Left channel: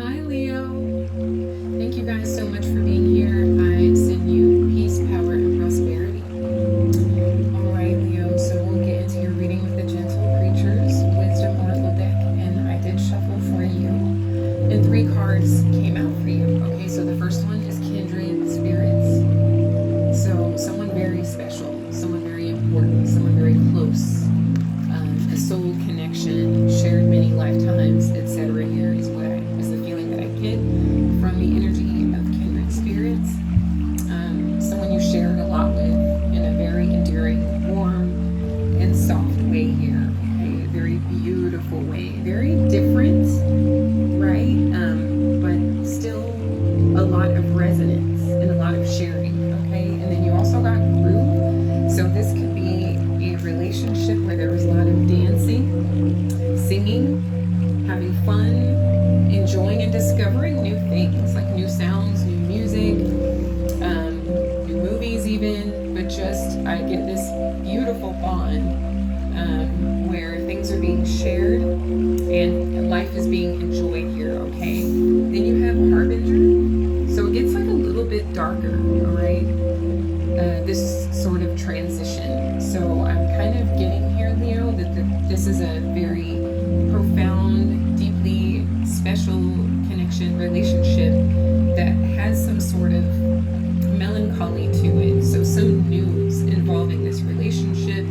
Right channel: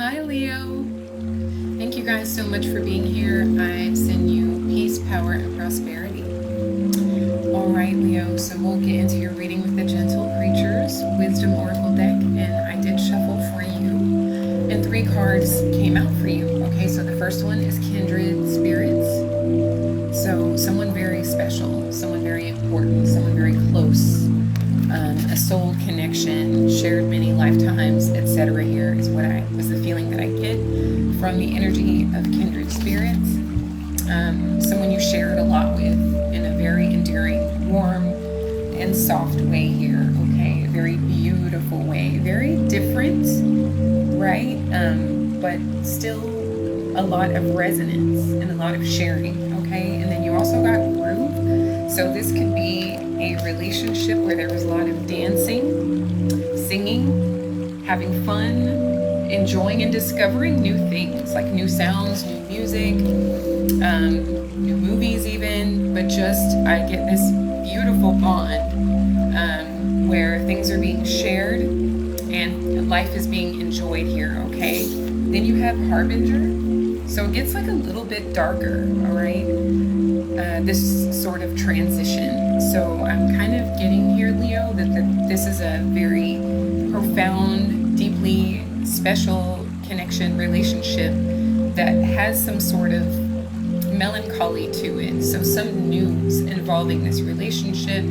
Hi, Leo. Thank you guys so much for being here. I send you peace, power, and prosperity. All right, Leo, so we'll get into your reading with the Gentle Creatures Wisdom Oracle deck, and I did shuffle for you, and 3 cards came out for you. Okay, so the first one is Kindred Spirits. So someone very special, someone very important, someone very close. A soul connection, shared many lifetimes, etc. Here is what was the feeling that I get from the energy of kindred spirits. Someone you shared a lot with in a very endearing, warm, and soft way here. Okay, a very beautiful way, very different, right? But still a lot of resonance and a lot of sharing. Okay, and then you also got groove. So this could be a relationship where there was a lot of dancing, singing, having fun, enjoying and discovering new things, like new sounds, new music, new movies even, but just I get this beautiful bond where things are being shared and life is being enjoyed here, okay? Then you have Harbinger, so it gets like a little bit darker, all right? This sort of transition. So I'm kind of getting here, Leo, that this is a very profound, deeply special connection, relationship that has some sort of melancholy to it. So some news involving this relationship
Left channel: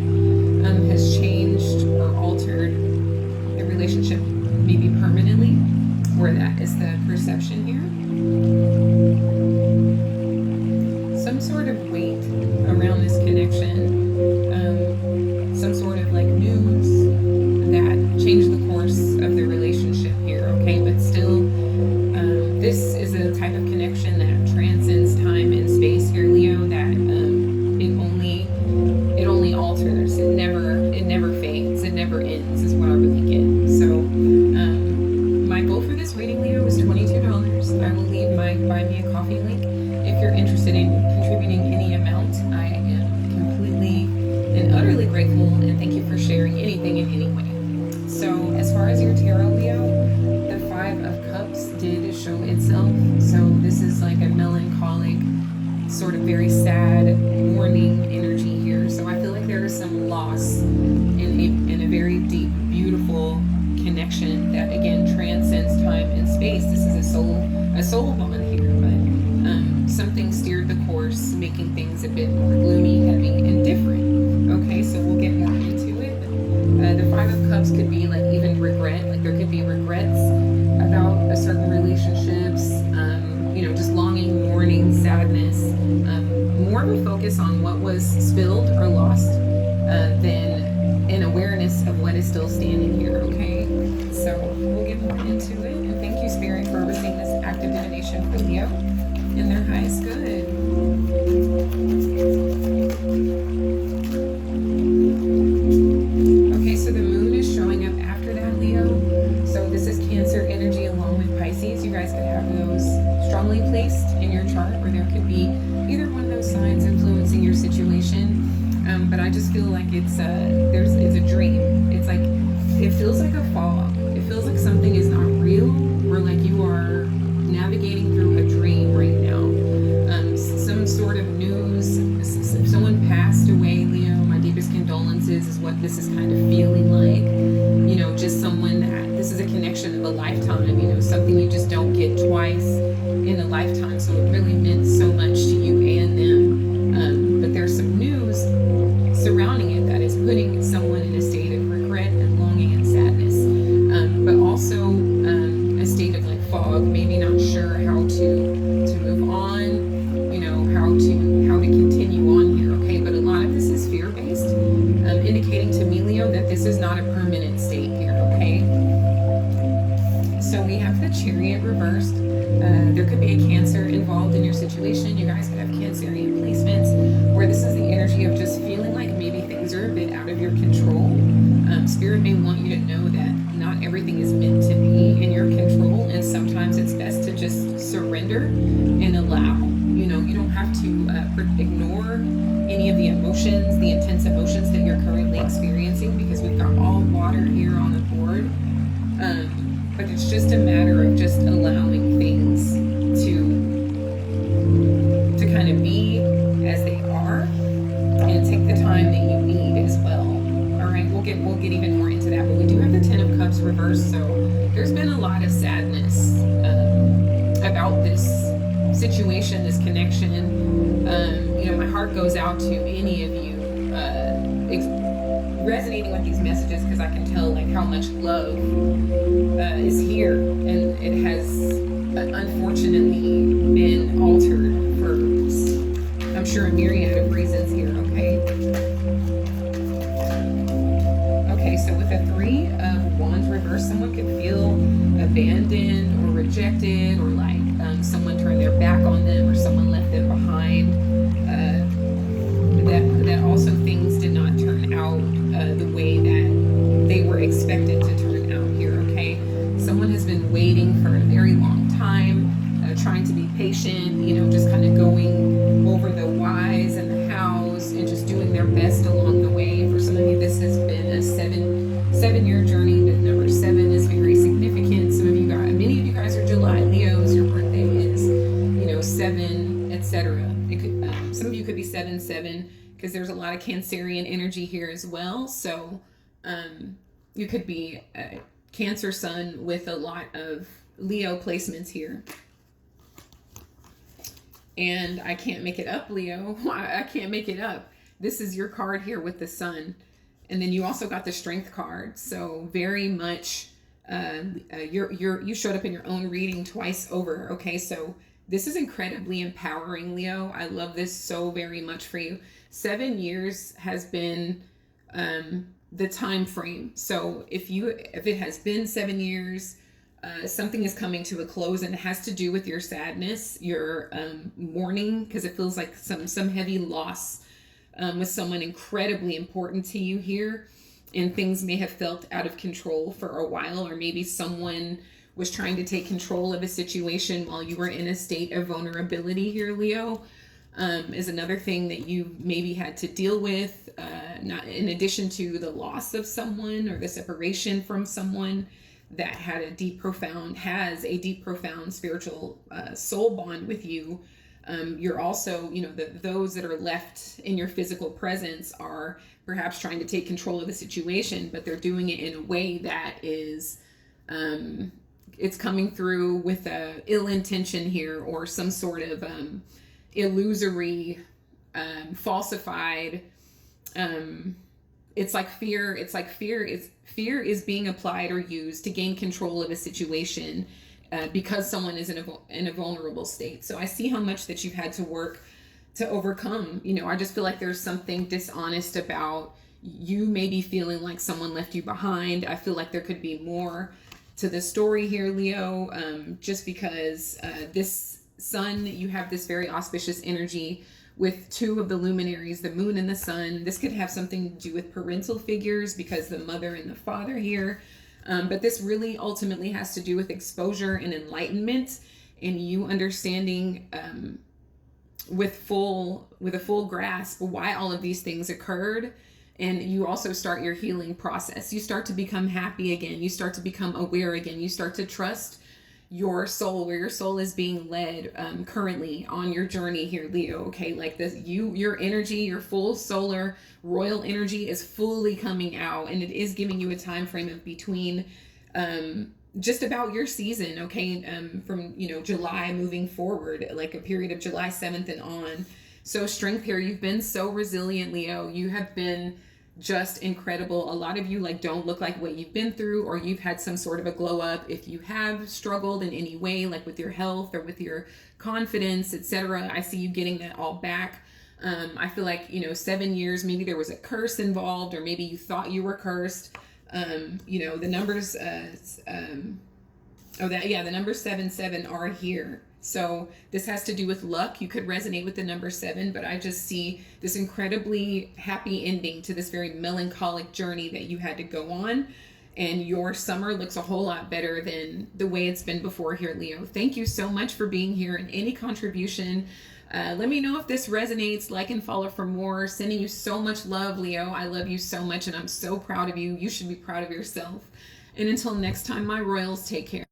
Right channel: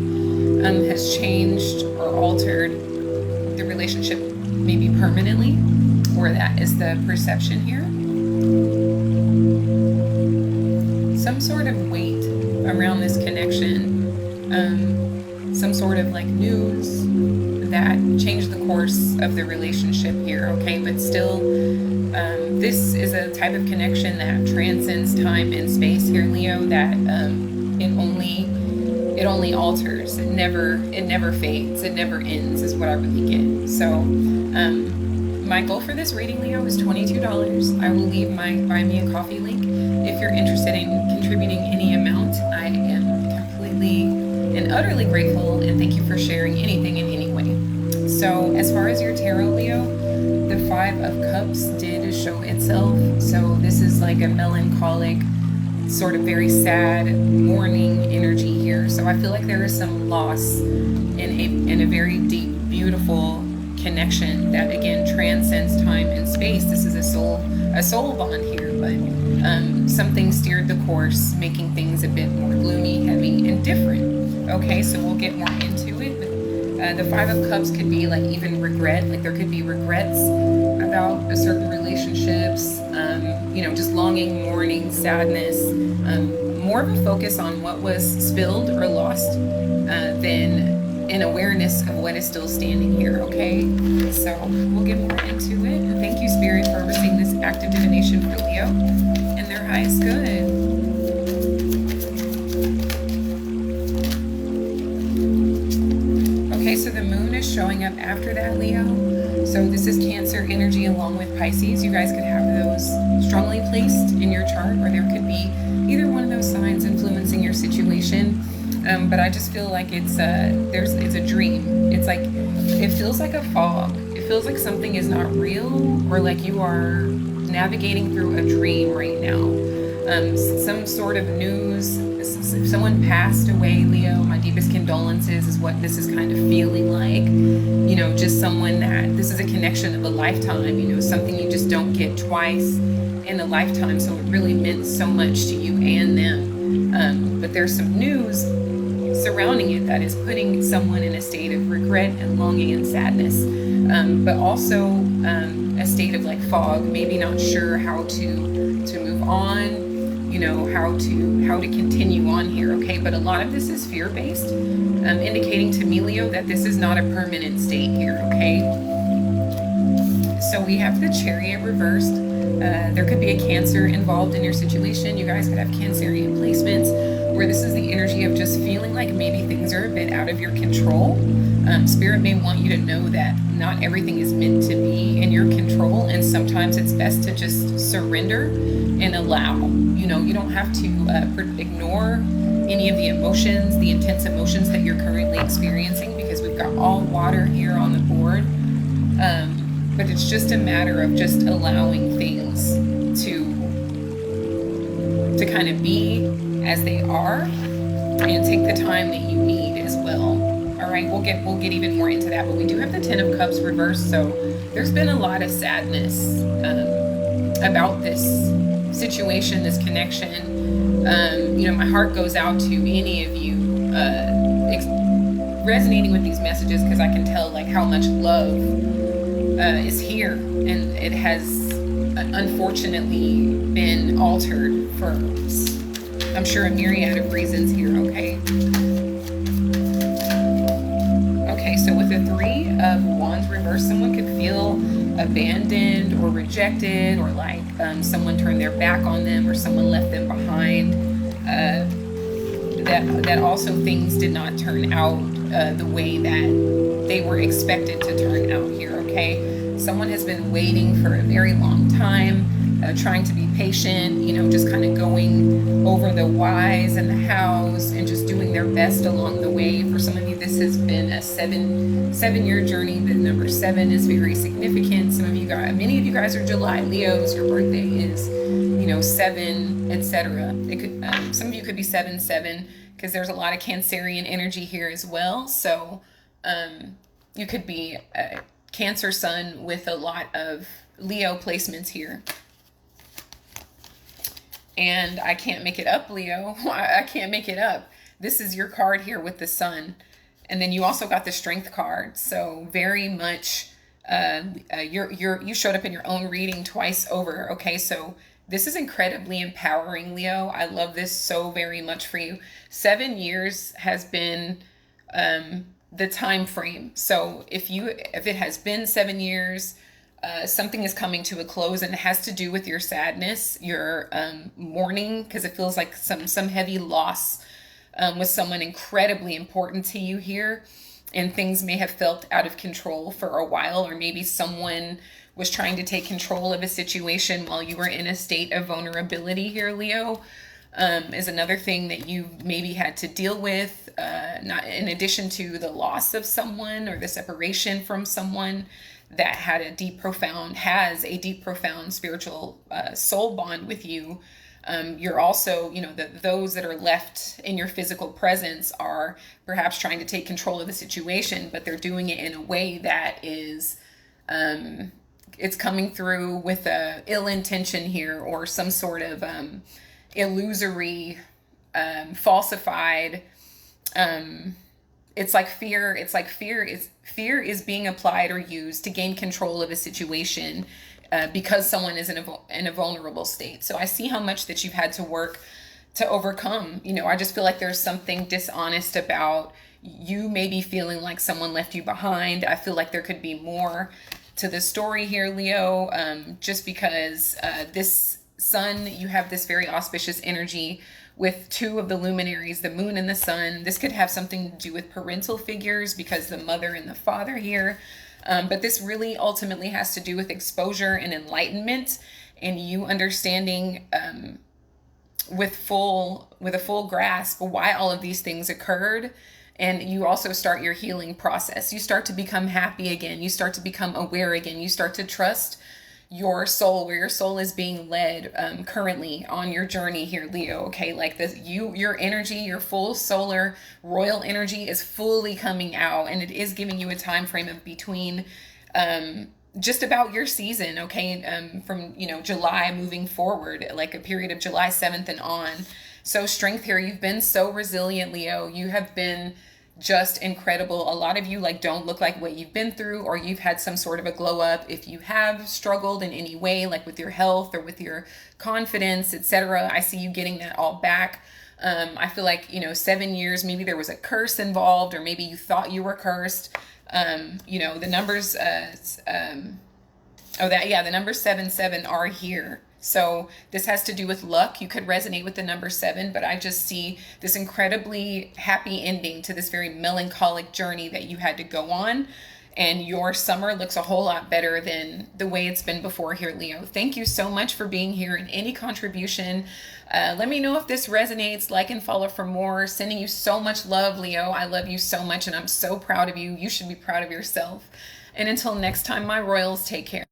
has changed or altered the relationship maybe permanently, or that is the perception here. Some sort of weight around this connection, some sort of like news that changed the course of the relationship here, okay? But still, this is a type of connection that transcends time and space here, Leo, that it only alters. It never fades. It never ends is what I really get. So my goal for this reading, Leo, is $22. I will leave my Buy Me a Coffee link. If you're interested in contributing any amount, I am completely and utterly grateful, and thank you for sharing anything in any way. So as far as your tarot, Leo, the 5 of Cups did show itself. So this is like a melancholic, sort of very sad, mourning energy here. So I feel like there is some loss in a very deep, beautiful connection that again transcends time and space. This is a soul bond here, but something steered the course, making things a bit more gloomy, heavy, and different. Okay, so we'll get more into it. The 5 of Cups could be like even regret, like there could be regrets about a certain relationships, just longing, mourning, sadness, more of a focus on what was spilled or lost than an awareness of what is still standing here, okay? So we'll get more into it. And thank you, Spirit, for overseeing this active divination for Leo and their highest good. Okay, so the moon is showing up after that, Leo. So this is Cancer energy along with Pisces. You guys could have those strongly placed in your chart, or there could be either one of those signs influencing your situation. But I just feel like it's a dream. It's like, it feels like a fog. It feels like something is not real, or like you are navigating through a dream right now. Some sort of news, if someone passed away, Leo, my deepest condolences is what this is kind of feeling like. Just someone that, this is a connection of a lifetime, something you just don't get twice in a lifetime. So it really meant so much to you and them. But there's some news surrounding it that is putting someone in a state of regret and longing and sadness, but also a state of like fog, maybe not sure how to move on, how to continue on here, okay? But a lot of this is fear-based, indicating to me, Leo, that this is not a permanent state here, okay? So we have the Chariot reversed. There could be a Cancer involved in your situation. You guys could have Cancerian placements where this is the energy of just feeling like maybe things are a bit out of your control. Spirit may want you to know that not everything is meant to be in your control, and sometimes it's best to just surrender and allow. You don't have to ignore any of the emotions, the intense emotions that you're currently experiencing, because we've got all water here on the board. but it's just a matter of just allowing things to kind of be as they are, and take the time that you need as well. All right, we'll get even more into that, but we do have the Ten of Cups reversed, so there's been a lot of sadness about this situation, this connection. My heart goes out to any of you resonating with these messages, because I can tell like how much love is here, and it has unfortunately been altered for, I'm sure, a myriad of reasons here. Okay, so with the Three of Wands reversed, someone could feel abandoned or rejected, or like someone turned their back on them, or someone left them behind. That also things did not turn out the way that they were expected to turn out here, okay? Someone has been waiting for a very long time, trying to be patient, just kind of going over the whys and the hows and just doing their best along the way. For some of you, this has been a seven-year journey. The number 7 is very significant. Many of you guys are July Leos. Your birthday is, 7, etc. Some of you could be 7/7, because there's a lot of Cancerian energy here as well. So you could be a Cancer sun with a lot of Leo placements here. And I can't make it up, Leo. I can't make it up. This is your card here with the Sun. And then you also got the Strength card. So very much you showed up in your own reading twice over. Okay, so this is incredibly empowering, Leo. I love this so very much for you. 7 years has been the time frame. So if it has been 7 years, something is coming to a close, and it has to do with your sadness, your mourning, because it feels like some heavy loss with someone incredibly important to you here, and things may have felt out of control for a while, or maybe someone was trying to take control of a situation while you were in a state of vulnerability here, Leo. Is another thing that you maybe had to deal with, not in addition to the loss of someone or the separation from someone that has a deep, profound spiritual soul bond with you. You're also, those that are left in your physical presence are perhaps trying to take control of the situation, but they're doing it in a way that is, it's coming through with a ill intention here, or some sort of illusory, falsified, it's like fear is being applied or used to gain control of a situation, because someone is in a vulnerable state. So I see how much that you've had to work to overcome. I just feel like there's something dishonest about you, maybe feeling like someone left you behind. I feel like there could be more to the story here, Leo, just because this Sun, you have this very auspicious energy with 2 of the luminaries, the Moon and the Sun. This could have something to do with parental figures, because the mother and the father here. But this really ultimately has to do with exposure and enlightenment, and you understanding with a full grasp why all of these things occurred. And you also start your healing process. You start to become happy again. You start to become aware again. You start to trust your soul, where your soul is being led currently on your journey here, Leo. Okay, like this, your energy, your full solar royal energy is fully coming out, and it is giving you a time frame of between just about your season, okay, from July moving forward, like a period of July 7th and on. So strength here. You've been so resilient, Leo. You have been just incredible. A lot of you don't look like what you've been through, or you've had some sort of a glow up. If you have struggled in any way, like with your health or with your confidence, etc., I see you getting that all back. I feel like 7 years, maybe there was a curse involved, or maybe you thought you were cursed. The numbers the numbers 7/7 are here. So this has to do with luck. You could resonate with the number 7, but I just see this incredibly happy ending to this very melancholic journey that you had to go on. And your summer looks a whole lot better than the way it's been before here, Leo. Thank you so much for being here, and any contribution. Let me know if this resonates. Like and follow for more. Sending you so much love, Leo. I love you so much, and I'm so proud of you. You should be proud of yourself. And until next time, my royals, take care.